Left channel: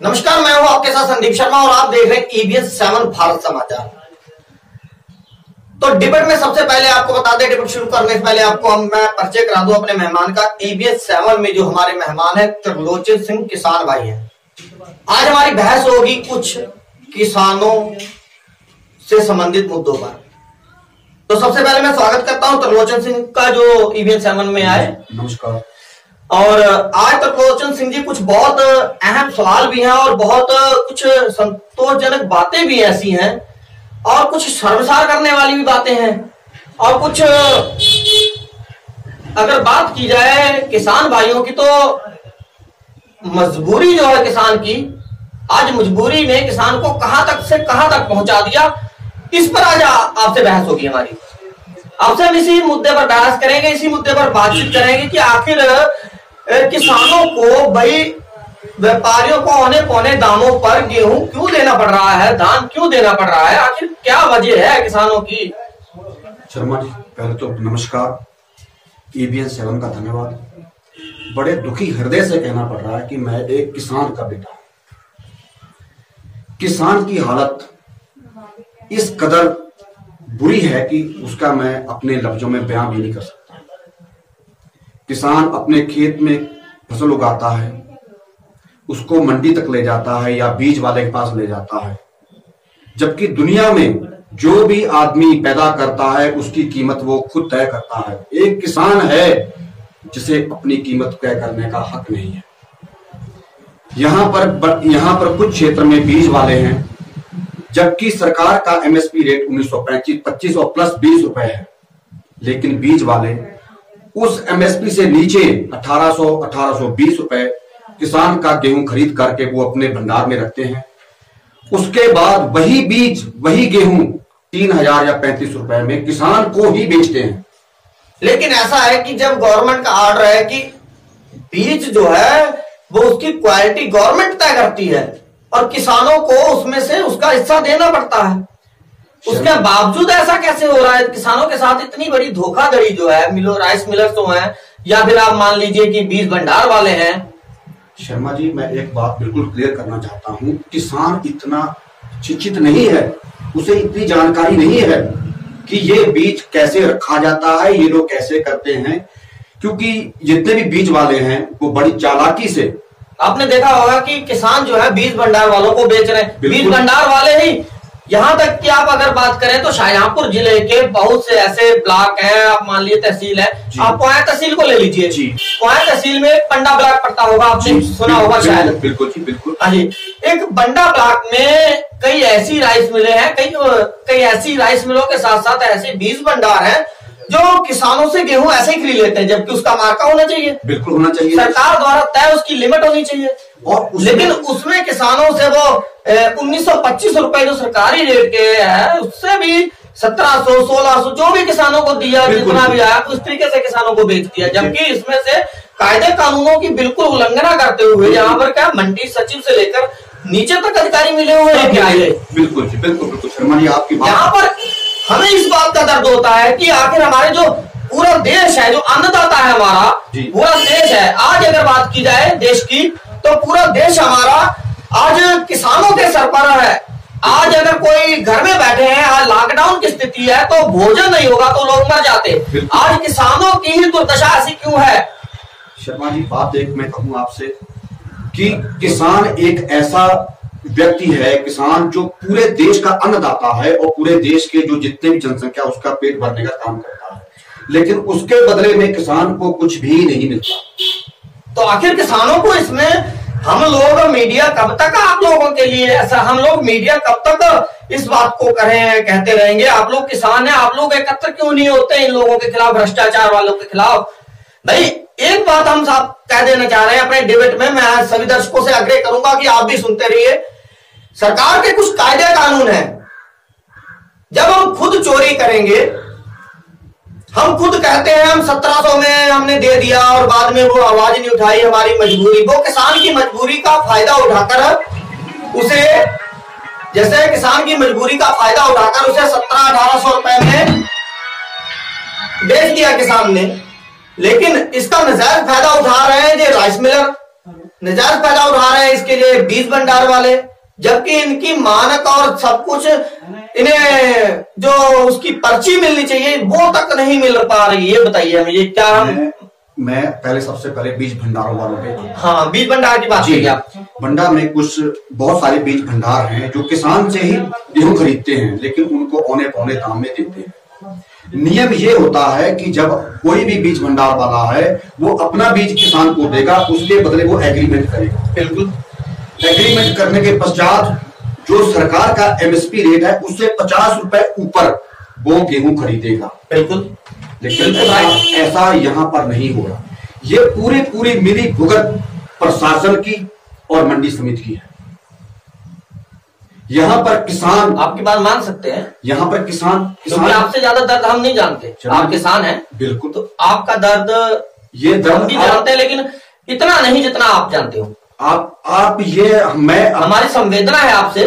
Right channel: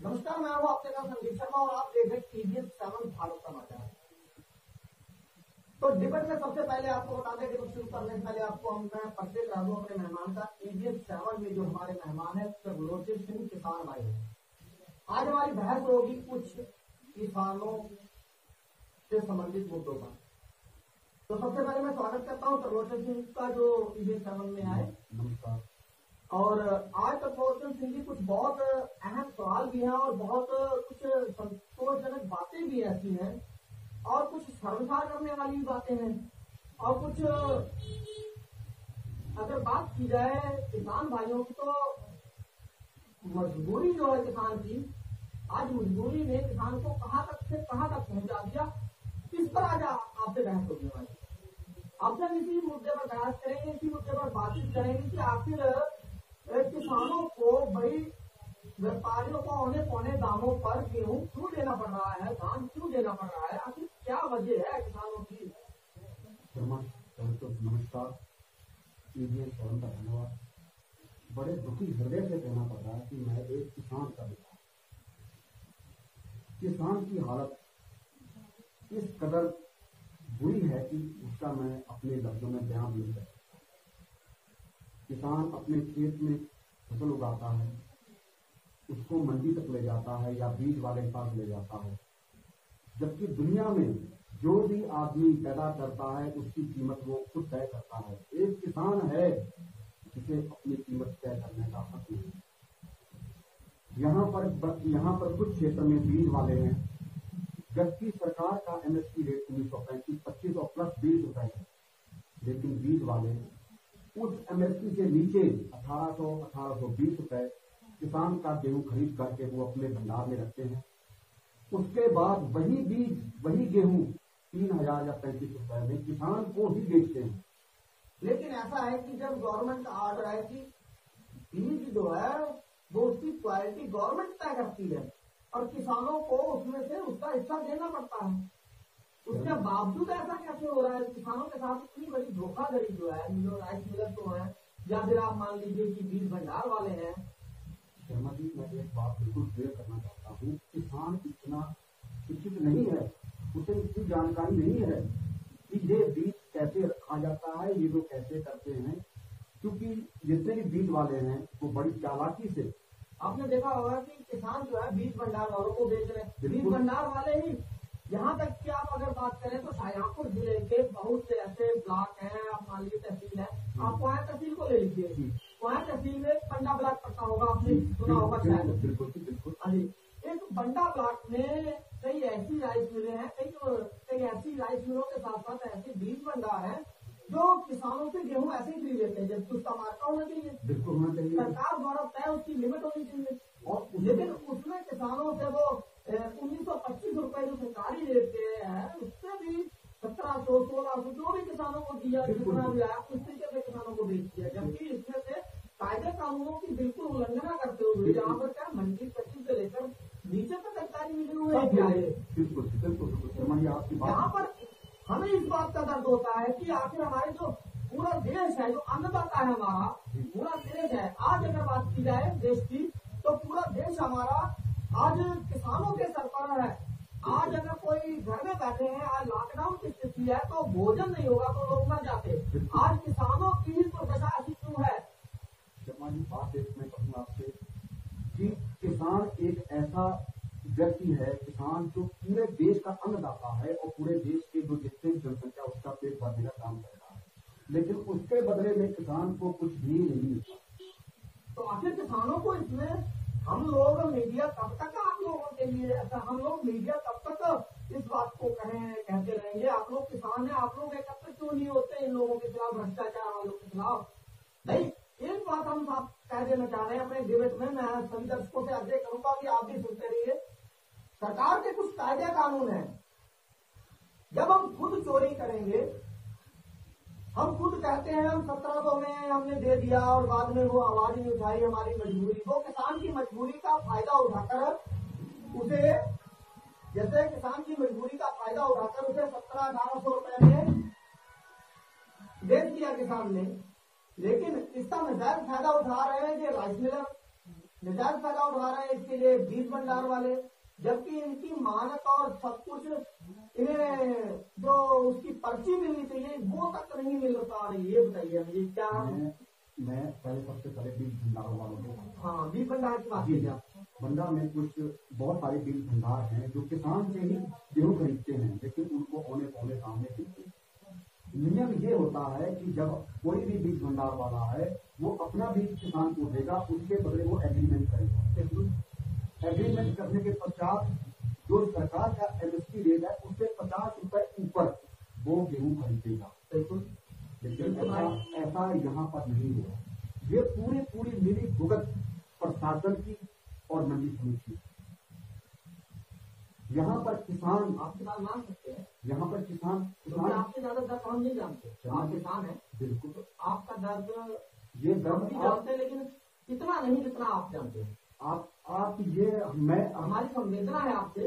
नमस्कार, मैं हूं आपके साथ संदीप शर्मा और आप देख रहे हैं EBS 7 भारत समाचार। तो डिबेट में सबसे पहले आपको बता दें, डिबेट शुरू करने से पहले आपको मैं परिचय करा दूं अपने मेहमान का। EBS 7 में जो हमारे मेहमान है त्रिलोचन सिंह किसान भाई हैं। आज हमारी बहस होगी कुछ किसानों से संबंधित मुद्दों पर। तो सबसे पहले मैं स्वागत करता हूं त्रिलोचन सिंह का जो EBS 7 में आए। नमस्कार। और आज तक त्रिलोचन सिंह जी कुछ बहुत अहम सवाल भी हैं और बहुत कुछ संतोषजनक बातें भी ऐसी हैं और कुछ शर्मसार करने वाली भी बातें हैं और कुछ अगर बात की जाए किसान भाइयों की तो मजबूरी जो है किसान की, आज मजबूरी ने किसान को कहां तक से कहां तक पहुंचा दिया, इस पर आज आपसे बहस होगी हमारी। आपसे हम इसी मुद्दे पर बहस करेंगे, इसी मुद्दे पर बातचीत करेंगे कि आखिर किसानों को भाई व्यापारियों को औने पौने दामों पर गेहूं क्यों देना पड़ रहा है, धान क्यों देना पड़ रहा है, आखिर क्या वजह है किसानों की। शर्मा जी, पहले तो नमस्कार, EBS 7 का धन्यवाद। बड़े दुखी हृदय से कहना पड़ रहा है कि मैं एक किसान का बेटा हूं। किसान की हालत इस कदर बुरी है कि उसका मैं अपने लफ्जों में बयां भी नहीं कर सकता। किसान अपने खेत में फसल उगाता है, उसको मंडी तक ले जाता है या बीज वाले के पास ले जाता है, जबकि दुनिया में जो भी आदमी पैदा करता है उसकी कीमत वो खुद तय करता है। एक किसान है जिसे अपनी कीमत तय करने का हक नहीं है। यहां पर कुछ क्षेत्र में बीज वाले हैं, जबकि सरकार का MSP रेट 1925 और प्लस 20 रुपए है, लेकिन बीज वाले उस MSP से नीचे 1820 रुपए किसान का गेहूं खरीद करके वो अपने भंडार में रखते हैं। उसके बाद वही बीज वही गेहूं 3000 या 35 रुपए में किसान को ही बेचते हैं। लेकिन ऐसा है कि जब गवर्नमेंट का ऑर्डर है कि बीज जो है वो उसकी क्वालिटी गवर्नमेंट तय करती है और किसानों को उसमें से उसका हिस्सा देना पड़ता है, उसके बावजूद ऐसा कैसे हो रहा है? किसानों के साथ इतनी बड़ी धोखाधड़ी जो है, राइस मिलर्स तो हैं या फिर आप मान लीजिए कि बीज भंडार वाले हैं। शर्मा जी, मैं एक बात बिल्कुल क्लियर करना चाहता हूं, किसान इतना शिक्षित नहीं है, उसे इतनी जानकारी नहीं है कि ये बीज कैसे रखा जाता है, ये लोग कैसे करते हैं, क्योंकि जितने भी बीज वाले हैं वो बड़ी चालाकी से, आपने देखा होगा कि किसान जो है बीज भंडार वालों को बेच रहे हैं। बीज भंडार वाले ही, यहां तक कि आप अगर बात करें तो शाहजहांपुर जिले के बहुत से ऐसे ब्लॉक हैं, आप मान लीजिए तहसील है, आप कोया तहसील को ले लीजिए जी, कोया तहसील में पंडा ब्लॉक पड़ता होगा, आपने सुना होगा शायद। बिल्कुल जी, बिल्कुल। हाँ जी, एक पंडा ब्लॉक में कई ऐसी राइस मिलें हैं, कई ऐसी राइस मिलों के साथ साथ ऐसे बीज भंडार हैं जो किसानों से गेहूं ऐसे ही खरीद लेते हैं, जबकि उसका मार्का होना चाहिए, बिल्कुल होना चाहिए, सरकार द्वारा तय उसकी लिमिट होनी चाहिए। और लेकिन उसमें किसानों से वो 1925 रुपए जो सरकारी रेट के है उससे भी 1700 1600 जो भी किसानों को दिया, जितना भी आया उस तरीके से किसानों को बेच दिया, जबकि इसमें से कायदे कानूनों की बिल्कुल उल्लंघना करते हुए यहाँ पर क्या मंडी सचिव से लेकर नीचे तक अधिकारी मिले हुए हैं। क्या है? बिल्कुल जी, बिल्कुल शर्मा जी, आपकी बात। यहाँ पर हमें इस बात का दर्द होता है कि आखिर हमारे जो पूरा देश है, जो अन्नदाता है हमारा, पूरा देश है, आज अगर बात की जाए देश की तो पूरा देश हमारा आज किसानों के सर पर है। आज अगर कोई घर में बैठे हैं, आज लॉकडाउन की स्थिति है तो भोजन नहीं होगा तो लोग मर जाते। आज किसानों की ही दुर्दशा ऐसी क्यों है? शर्मा जी, बात एक मैं कहूं आपसे कि किसान एक ऐसा व्यक्ति है, किसान जो पूरे देश का अन्नदाता है और पूरे देश के जो जितने भी जनसंख्या उसका पेट भरने का काम करता है, लेकिन उसके बदले में किसान को कुछ भी नहीं मिलता। तो आखिर किसानों को इसमें हम लोग मीडिया कब तक आप लोगों के लिए ऐसा, हम लोग मीडिया कब तक इस बात को कहते रहेंगे? आप लोग किसान हैं, आप लोग एकत्र क्यों नहीं होते इन लोगों के खिलाफ, भ्रष्टाचार वालों के खिलाफ? भाई एक बात हम साफ कह देना चाह रहे हैं अपने डिबेट में, मैं सभी दर्शकों से आग्रह करूंगा कि आप भी सुनते रहिए। सरकार के कुछ कायदे कानून हैं, जब हम खुद चोरी करेंगे, हम खुद कहते हैं हम 1700 में हमने दे दिया और बाद में वो आवाज नहीं उठाई, हमारी मजबूरी, वो किसान की मजबूरी का फायदा उठाकर उसे, जैसे किसान की मजबूरी का फायदा उठाकर उसे 1700-1800 रुपए में बेच दिया किसान ने, लेकिन इसका नजायज फायदा उठा रहे हैं ये राइस मिलर, नजायज फायदा उठा रहे हैं इसके लिए बीज भंडार वाले, जबकि इनकी मानक और सब कुछ इन्हें जो उसकी पर्ची मिलनी चाहिए वो तक नहीं मिल पा रही। ये बताइए हमें, ये क्या हम मैं पहले सबसे पहले बीज भंडारों वालों पे, हाँ बीज भंडार की बात कीजिए आप। भंडार में कुछ बहुत सारे बीज भंडार हैं जो किसान से ही गेहूं खरीदते हैं, लेकिन उनको औने पौने दाम में देते हैं। नियम ये होता है कि जब कोई भी बीज भंडार वाला है वो अपना बीज किसान को देगा, उसके बदले वो एग्रीमेंट करेगा। बिल्कुल, एग्रीमेंट करने के पश्चात जो सरकार का एमएसपी रेट है उससे 50 रुपए ऊपर वो गेहूं खरीदेगा। बिल्कुल, लेकिन ऐसा यहाँ पर नहीं हो रहा। ये पूरी मिली भुगत प्रशासन की और मंडी समिति की है। यहाँ पर किसान, आपकी बात मान सकते हैं, यहाँ पर किसान आपसे ज्यादा दर्द हम नहीं जानते, आप किसान हैं। बिल्कुल, तो आपका दर्द ये दर्द भी जानते हैं, लेकिन इतना नहीं जितना आप जानते हो। आप ये मैं हमारी संवेदना है आपसे,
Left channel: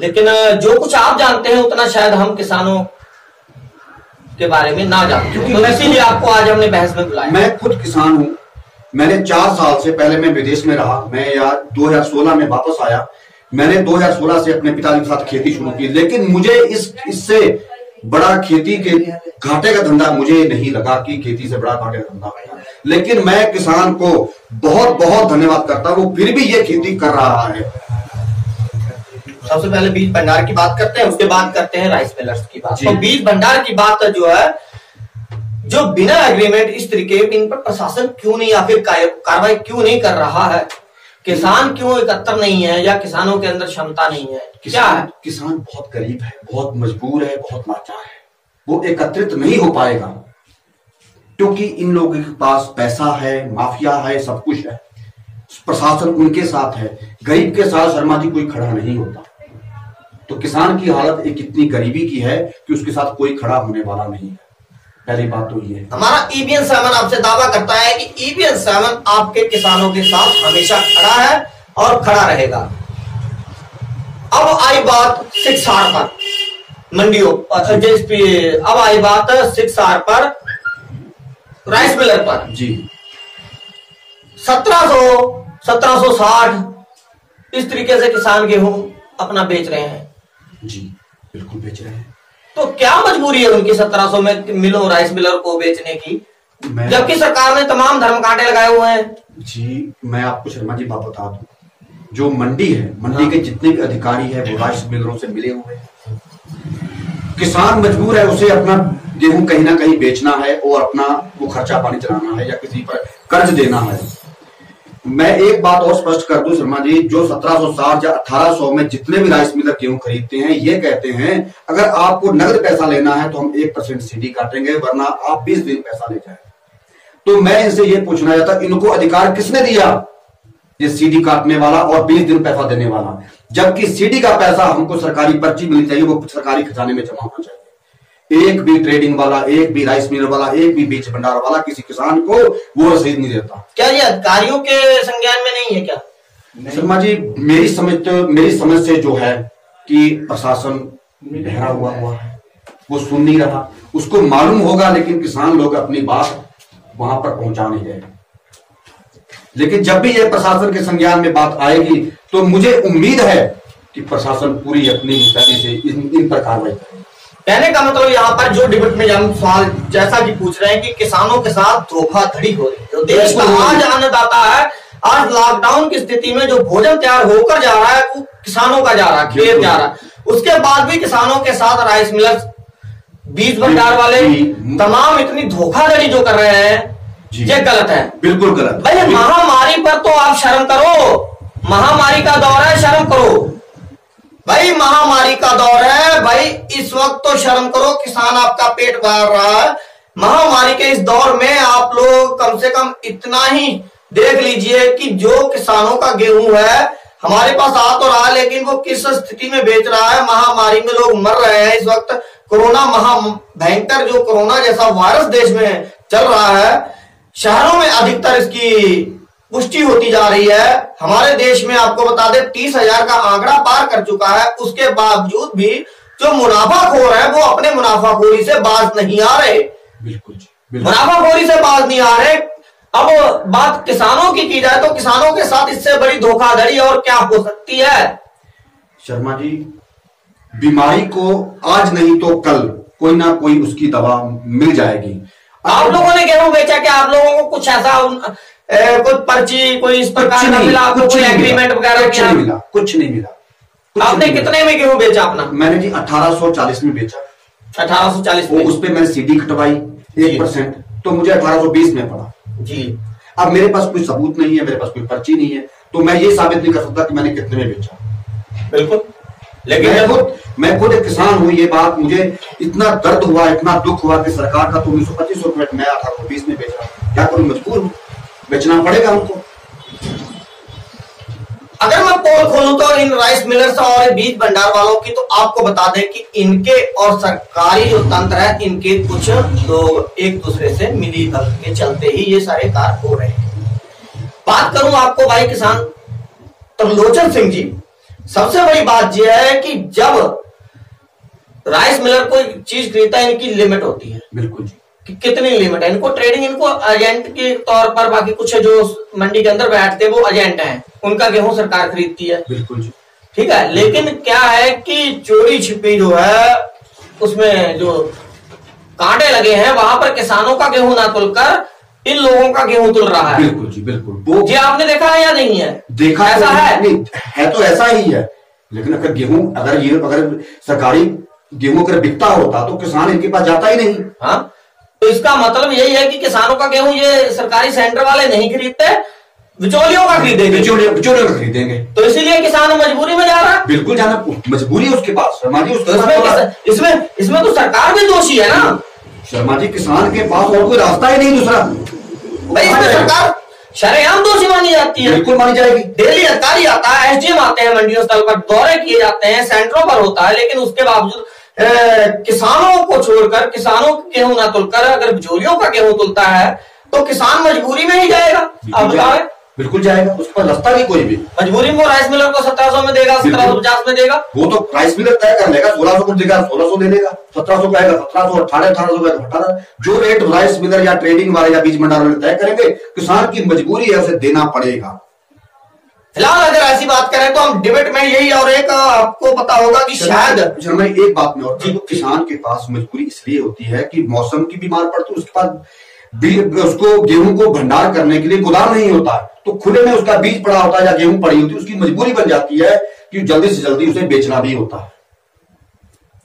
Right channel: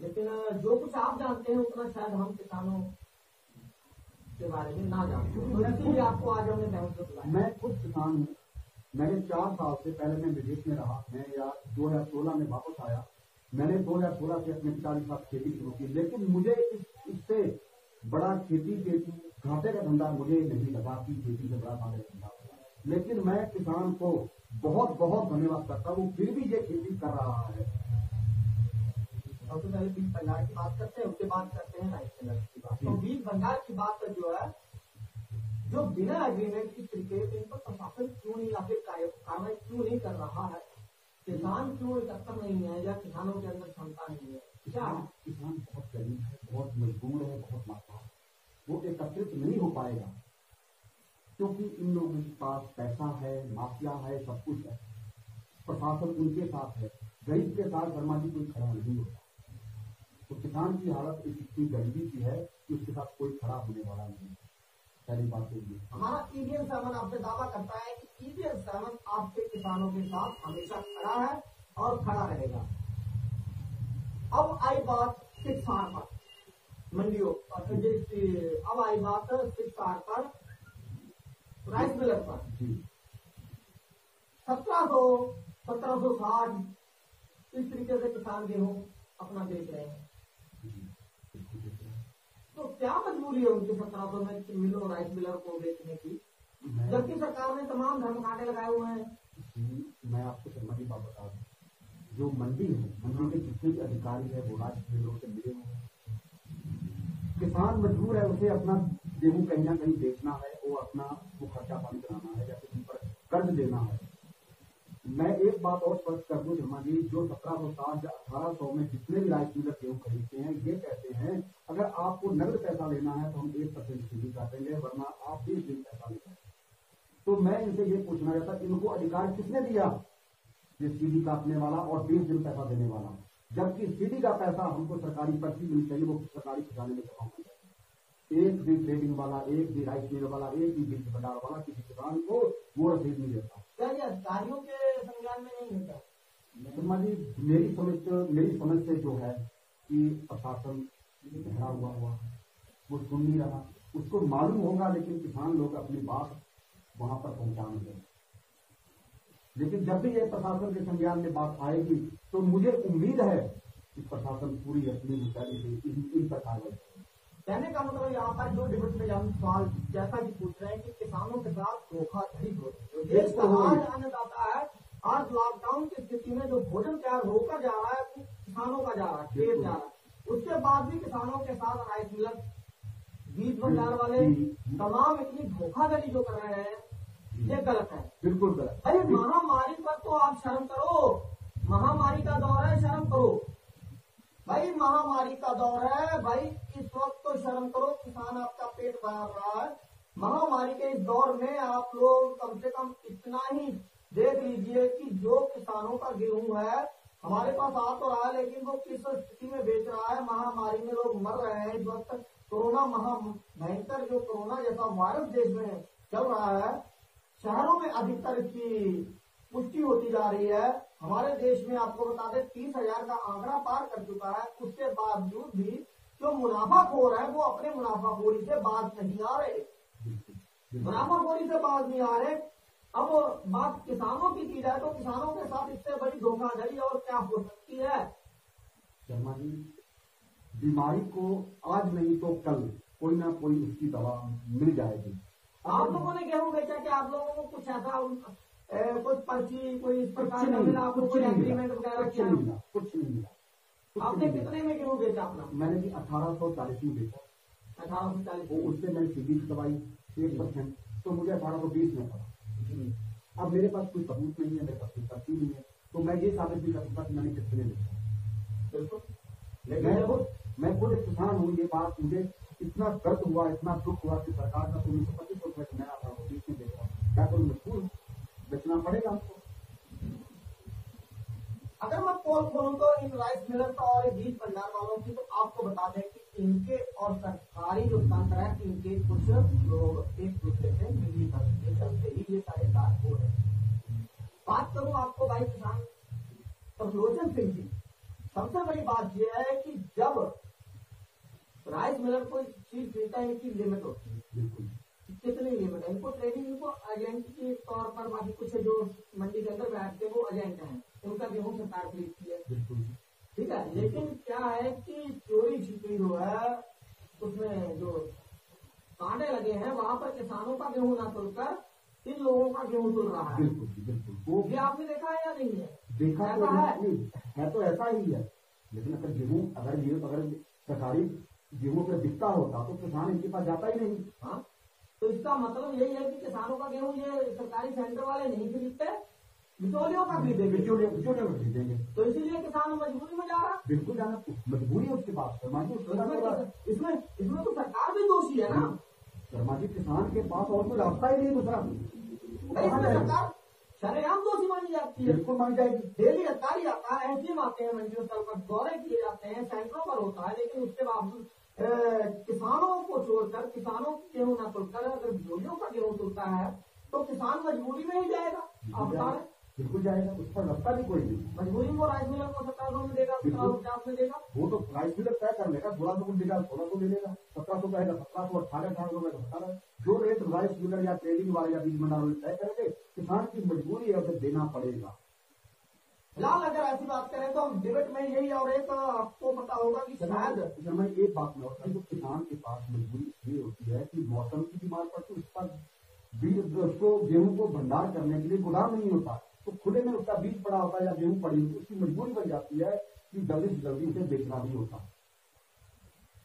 लेकिन जो कुछ आप जानते हैं उतना शायद हम किसानों के बारे में ना जानते, क्योंकि तो इसीलिए आपको आज हमने बहस में बुलाया। मैं खुद किसान हूं। मैंने 4 साल से पहले मैं विदेश में रहा। मैं 2016 में वापस आया। मैंने 2016 से अपने पिताजी के साथ खेती शुरू की, लेकिन मुझे इससे बड़ा खेती के घाटे का धंधा मुझे नहीं लगा कि खेती से बड़ा घाटे का धंधा है। लेकिन मैं किसान को बहुत बहुत धन्यवाद करता हूं, वो फिर भी ये खेती कर रहा है। सबसे पहले बीज भंडार की बात करते हैं, उसके बाद करते हैं राइस मिलर्स की बात। तो बीज भंडार की बात जो है, जो बिना एग्रीमेंट इस तरीके इन पर प्रशासन क्यों नहीं या फिर कार्रवाई क्यों नहीं कर रहा है? किसान क्यों एकत्र नहीं है, या किसानों के अंदर क्षमता नहीं है? क्या है? किसान बहुत गरीब है, बहुत मजबूर है, बहुत लाचार है। वो एकत्रित नहीं हो पाएगा क्योंकि इन लोगों के पास पैसा है, माफिया है, सब कुछ है। प्रशासन उनके साथ है। गरीब के साथ शर्मा जी कोई खड़ा नहीं होता। तो किसान की हालत एक इतनी गरीबी की है कि उसके साथ कोई खड़ा होने वाला नहीं है। पहली बात तो ये है। हमारा ईबीएन 7 आपसे दावा करता है कि ईबीएन 7 आपके किसानों के साथ हमेशा खड़ा है और खड़ा रहेगा। अब आई बात 6R पर, मंडियों अब आई बात 6R पर, राइस मिलर पर जी 1760 इस तरीके से किसान गेहूं अपना बेच रहे हैं। जी बिल्कुल बेच रहे हैं। तो क्या मजबूरी है उनकी 1700 में मिलो राइस मिलर को बेचने की, जबकि सरकार ने तमाम धर्मकांटे लगाए हुए हैं? जी मैं आपको शर्मा जी बात बता दूं, जो मंडी है, मंडी के जितने भी अधिकारी है वो राइस मिलरों से मिले हुए हैं। किसान मजबूर है, उसे अपना गेहूं कहीं ना कहीं बेचना है और अपना वो खर्चा पानी चलाना है या किसी पर कर्ज देना है। मैं एक बात और स्पष्ट कर दूं शर्मा जी, जो 1760 या 1800 में जितने भी राइस मिलर गेहूं खरीदते हैं, ये कहते हैं अगर आपको नगद पैसा लेना है तो हम 1% सीडी काटेंगे, वरना आप 20 दिन पैसा ले जाए। तो मैं इनसे ये पूछना चाहता, इनको अधिकार किसने दिया ये सीडी काटने वाला और 20 दिन पैसा देने वाला? जबकि सीडी का पैसा हमको सरकारी पर्ची मिलनी चाहिए, वो सरकारी खजाने में जमा होना चाहिए। एक भी ट्रेडिंग वाला, एक भी राइस मिलर वाला, एक भी बीज भंडार वाला किसी किसान को वो रसीद नहीं देता। क्या ये अधिकारियों के संज्ञान में नहीं है क्या? शर्मा जी मेरी समझ से जो है कि प्रशासन बहरा हुआ है, वो सुन नहीं रहा। उसको मालूम होगा, लेकिन किसान लोग अपनी बात वहां पर पहुंचा नहीं रहे। लेकिन जब भी ये प्रशासन के संज्ञान में बात आएगी तो मुझे उम्मीद है कि प्रशासन पूरी अपनी मुस्तैदी से इन पर कार्रवाई करेगा। कहने का मतलब यहाँ पर जो डिबेट में हम सवाल जैसा कि पूछ रहे हैं कि किसानों के साथ धोखाधड़ी हो रही है। जो देश का आज अन्नदाता है, आज लॉकडाउन की स्थिति में जो भोजन तैयार होकर जा रहा है वो किसानों का जा रहा है, खेत जा रहा है। उसके बाद भी किसानों के साथ राइस मिलर्स, बीज भंडार वाले तमाम इतनी धोखाधड़ी जो कर रहे हैं, ये गलत है, बिल्कुल गलत। भाई महामारी पर तो आप शर्म करो, महामारी का दौर है, शर्म करो भाई, महामारी का दौर है भाई, इस वक्त तो शर्म करो। किसान आपका पेट भर रहा है, महामारी के इस दौर में आप लोग कम से कम इतना ही देख लीजिए कि जो किसानों का गेहूं है हमारे पास आ तो रहा है, लेकिन वो किस स्थिति में बेच रहा है। महामारी में लोग मर रहे हैं इस वक्त। कोरोना भयंकर जो कोरोना जैसा वायरस देश में चल रहा है, शहरों में अधिकतर इसकी पुष्टि होती जा रही है। हमारे देश में आपको बता दें 30,000 का आंकड़ा पार कर चुका है। उसके बावजूद भी जो मुनाफाखोर है वो अपने मुनाफाखोरी से बाज नहीं आ रहे। बिल्कुल मुनाफाखोरी से बाज नहीं आ रहे। अब बात किसानों की जाए तो किसानों के साथ इससे बड़ी धोखाधड़ी और क्या हो सकती है? शर्मा जी, बीमारी को आज नहीं तो कल कोई ना कोई उसकी दवा मिल जाएगी। आप लोगों ने गेहूं बेचा क्या? आप लोगों को कुछ ऐसा कोई पर्ची, कोई इस प्रकार का मिला? आपको कोई एग्रीमेंट वगैरह कुछ नहीं मिला, कुछ नहीं मिला। आपने कितने में गेहूं बेचा अपना? मैंने जी 1840 में बेचा। 1840 में? उस पे मैंने सीडी कटवाई 1%, तो मुझे 1820 में पड़ा जी। अब मेरे पास कोई सबूत नहीं है, मेरे पास कोई पर्ची नहीं है, तो मैं ये साबित नहीं कर सकता कि मैंने कितने में बेचा। बिल्कुल, लेकिन मैं खुद एक किसान हूं। ये बात मुझे इतना दर्द हुआ, इतना दुख हुआ कि सरकार का तो 1925 रुपए, मैं 1820 में बेच रहा हूं। क्या करूं, मजबूर हूं, बेचना पड़ेगा हमको। अगर मैं पोल खोलूं तो इन राइस मिलर्स और बीज भंडार वालों की, तो आपको बता दें कि इनके और सरकारी जो तंत्र है, इनके कुछ लोग एक दूसरे से मिली भगत के चलते ही ये सारे कार्य हो रहे हैं। बात करूं आपको भाई किसान त्रिलोचन सिंह जी, सबसे बड़ी बात यह है कि जब राइस मिलर कोई चीज खरीदता है, इनकी लिमिट होती है। बिल्कुल जी, कि कितनी लिमिट है इनको, ट्रेडिंग इनको एजेंट के तौर पर, बाकी कुछ जो मंडी के अंदर बैठते हैं वो एजेंट हैं, उनका गेहूं सरकार खरीदती है। बिल्कुल जी, ठीक है। लेकिन क्या है कि चोरी छिपी जो है, उसमें जो कांटे लगे हैं, वहां पर किसानों का गेहूं ना तुलकर इन लोगों का गेहूं तुल रहा है। बिल्कुल जी, बिल्कुल। जी आपने देखा है या नहीं है? देखा ऐसा है? नहीं है तो ऐसा ही है, लेकिन अगर गेहूं, अगर सरकारी गेहूं अगर बिकता होता तो किसान इनके पास जाता ही नहीं। हाँ, तो इसका मतलब यही है कि किसानों का गेहूं ये सरकारी सेंटर वाले नहीं खरीदते, बिचौलियों का खरीदेंगे। बिचौलियों का खरीदेंगे, तो इसीलिए किसान मजबूरी में जा रहा है। बिल्कुल, जाना मजबूरी है उसके पास। शर्मा जी, इसमें तो सरकार भी दोषी है ना। शर्मा जी, किसान के पास और कोई रास्ता ही नहीं दूसरा भाई, इसमें सरकार शरेआम दोषी मानी जाती है। बिल्कुल मानी जाएगी। डेली अधिकारी आता है, एसडीएम आते हैं, मंडियों स्थल पर दौरे किए जाते हैं, सेंटरों पर होता है, लेकिन उसके बावजूद किसानों को छोड़कर, किसानों के गेहूं ना तुलकर अगर बिचौलियों का गेहूं तुलता है तो किसान मजबूरी में ही जाएगा। अब बताएं। बिल्कुल जाएगा, उसके पास रास्ता नहीं कोई भी। मजबूरी में राइस मिलर को 1700 में देगा, 1750 में देगा। वो तो राइस मिलर तय कर लेगा, 1600 को देगा, 1600 दे देगा, 1700 का आएगा 1700, 1800 का 1800। जो रेट राइस मिलर या ट्रेडिंग वाले या बीज भंडार वाले तय करेंगे, किसान की मजबूरी है, उसे देना पड़ेगा। फिलहाल अगर ऐसी बात करें तो हम डिबेट में यही, और एक आपको पता होगा कि शायद एक बात में और किसान के पास मजबूरी इसलिए होती है कि मौसम की बीमार पड़ती है, उसके पास उसको गेहूं को भंडार करने के लिए गोदाम नहीं होता, तो खुले में उसका बीज पड़ा होता है या गेहूं पड़ी होती है, उसकी मजबूरी बन जाती है कि जल्दी से जल्दी उसे बेचना भी होता है,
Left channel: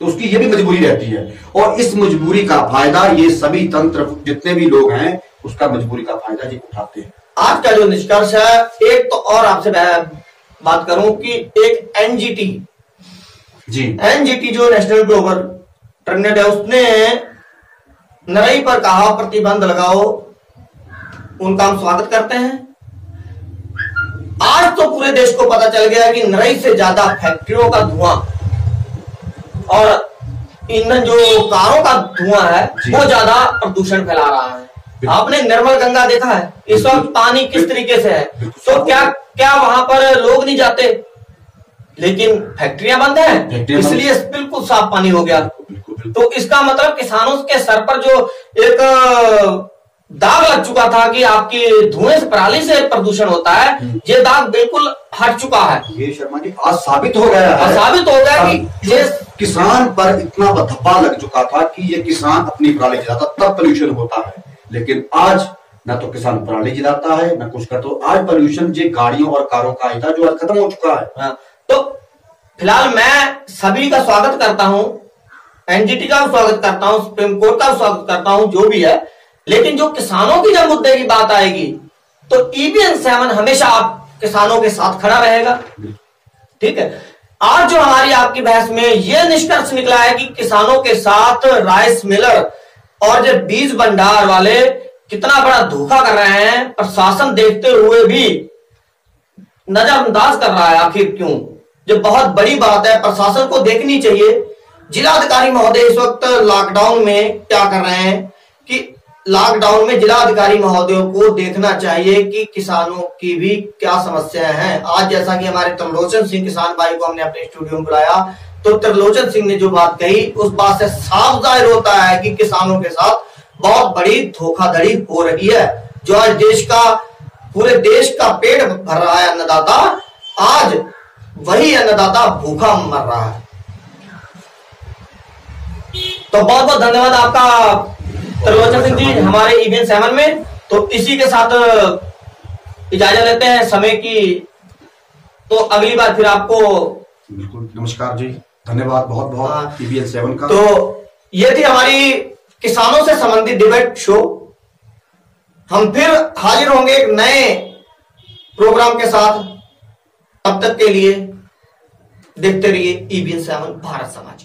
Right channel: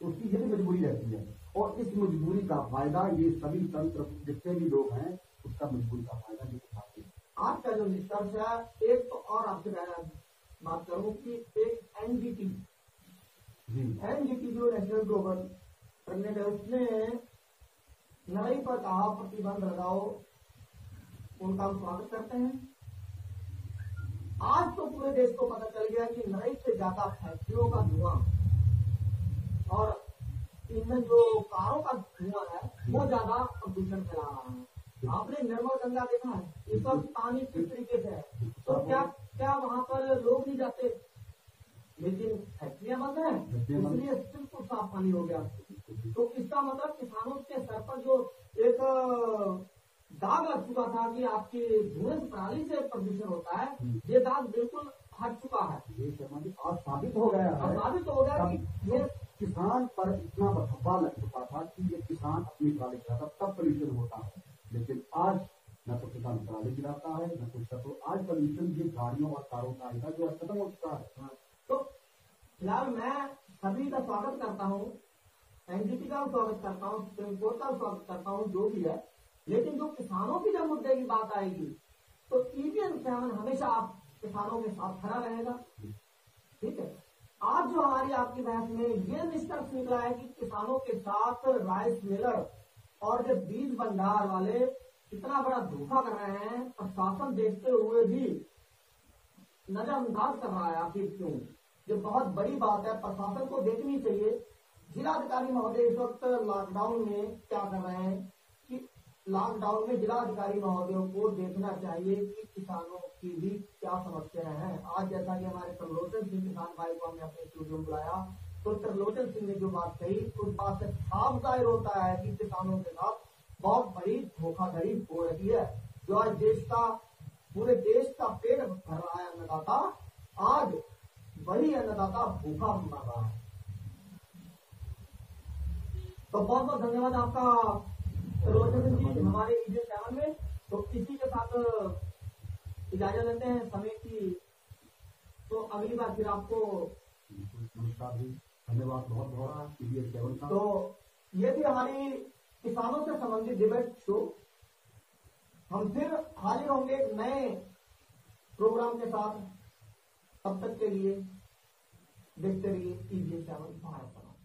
तो उसकी ये भी मजबूरी रहती है। और इस मजबूरी का फायदा ये सभी तंत्र, जितने भी लोग हैं, उसका मजबूरी का फायदा ये उठाते हैं। आज का जो निष्कर्ष है, एक तो और आपसे बात करूं कि एक एनजीटी जो नेशनल ग्लोबल ट्रेंड है, उसने नरई पर कहा प्रतिबंध लगाओ, उनका हम स्वागत करते हैं। आज तो पूरे देश को पता चल गया कि नरई से ज्यादा फैक्ट्रियों का धुआं और ईंधन जो कारों का धुआं है वो ज्यादा प्रदूषण फैला रहा है। आपने निर्मल गंगा देखा है, इस वक्त पानी किस तरीके से है, तो क्या वहां पर लोग नहीं जाते, लेकिन फैक्ट्रियां बंद हैं, इसलिए बिल्कुल साफ पानी हो गया। तो इसका मतलब किसानों के सर पर जो एक दाग लग चुका था कि आपकी धुएं से, पराली से प्रदूषण होता है, ये दाग बिल्कुल हट चुका है। ये शर्मा जी आज साबित हो गया है, कि ये किसान पर इतना धब्बा लग चुका था कि ये किसान अपनी पराली जलाता तब पोल्यूशन होता है, लेकिन आज ना तो किसान पराली जलाता है ना कुछ करता। तो आज पोल्यूशन जो गाड़ियों और कारों का था जो आज खत्म हो चुका है। तो फिलहाल मैं सभी का स्वागत करता हूं, एनजीटी का स्वागत करता हूं, सुप्रीम कोर्ट का स्वागत करता हूं, जो भी है, लेकिन जो किसानों की जब मुद्दे की बात आएगी तो EBN 7 हमेशा आप किसानों के साथ खड़ा रहेगा। ठीक है। आज जो हमारी आपकी बहस में यह निष्कर्ष निकला है कि किसानों के साथ राइस मिलर और जो बीज भंडार वाले कितना बड़ा धोखा कर रहे हैं, प्रशासन देखते हुए भी नजरअंदाज कर रहा है। आखिर क्यों? जो बहुत बड़ी बात है, प्रशासन को देखनी चाहिए। जिलाधिकारी महोदय इस वक्त लॉकडाउन में क्या कर रहे हैं कि लॉकडाउन में जिलाधिकारी महोदयों को देखना चाहिए कि किसानों की भी क्या समस्याएं हैं। आज जैसा कि हमारे त्रिलोचन सिंह किसान भाई को हमने अपने स्टूडियो में बुलाया, तो त्रिलोचन सिंह ने जो बात कही उस बात से साफ जाहिर होता है कि किसानों के साथ बहुत बड़ी धोखाधड़ी हो रही है। जो आज देश का, पूरे देश का पेट भर रहा है अन्नदाता, आज वही अन्नदाता भूखा मर रहा है। तो बहुत बहुत धन्यवाद आपका त्रिलोचन सिंह जी हमारे EBN 7 में। तो इसी के साथ इजाजत लेते हैं समय की, तो अगली बार फिर आपको बिल्कुल नमस्कार जी, धन्यवाद बहुत बहुत EBN 7 का। तो ये थी हमारी किसानों से संबंधित डिबेट शो। हम फिर हाजिर होंगे एक नए प्रोग्राम के साथ। तब तक के लिए देखते रहिए EBN 7 भारत समाज।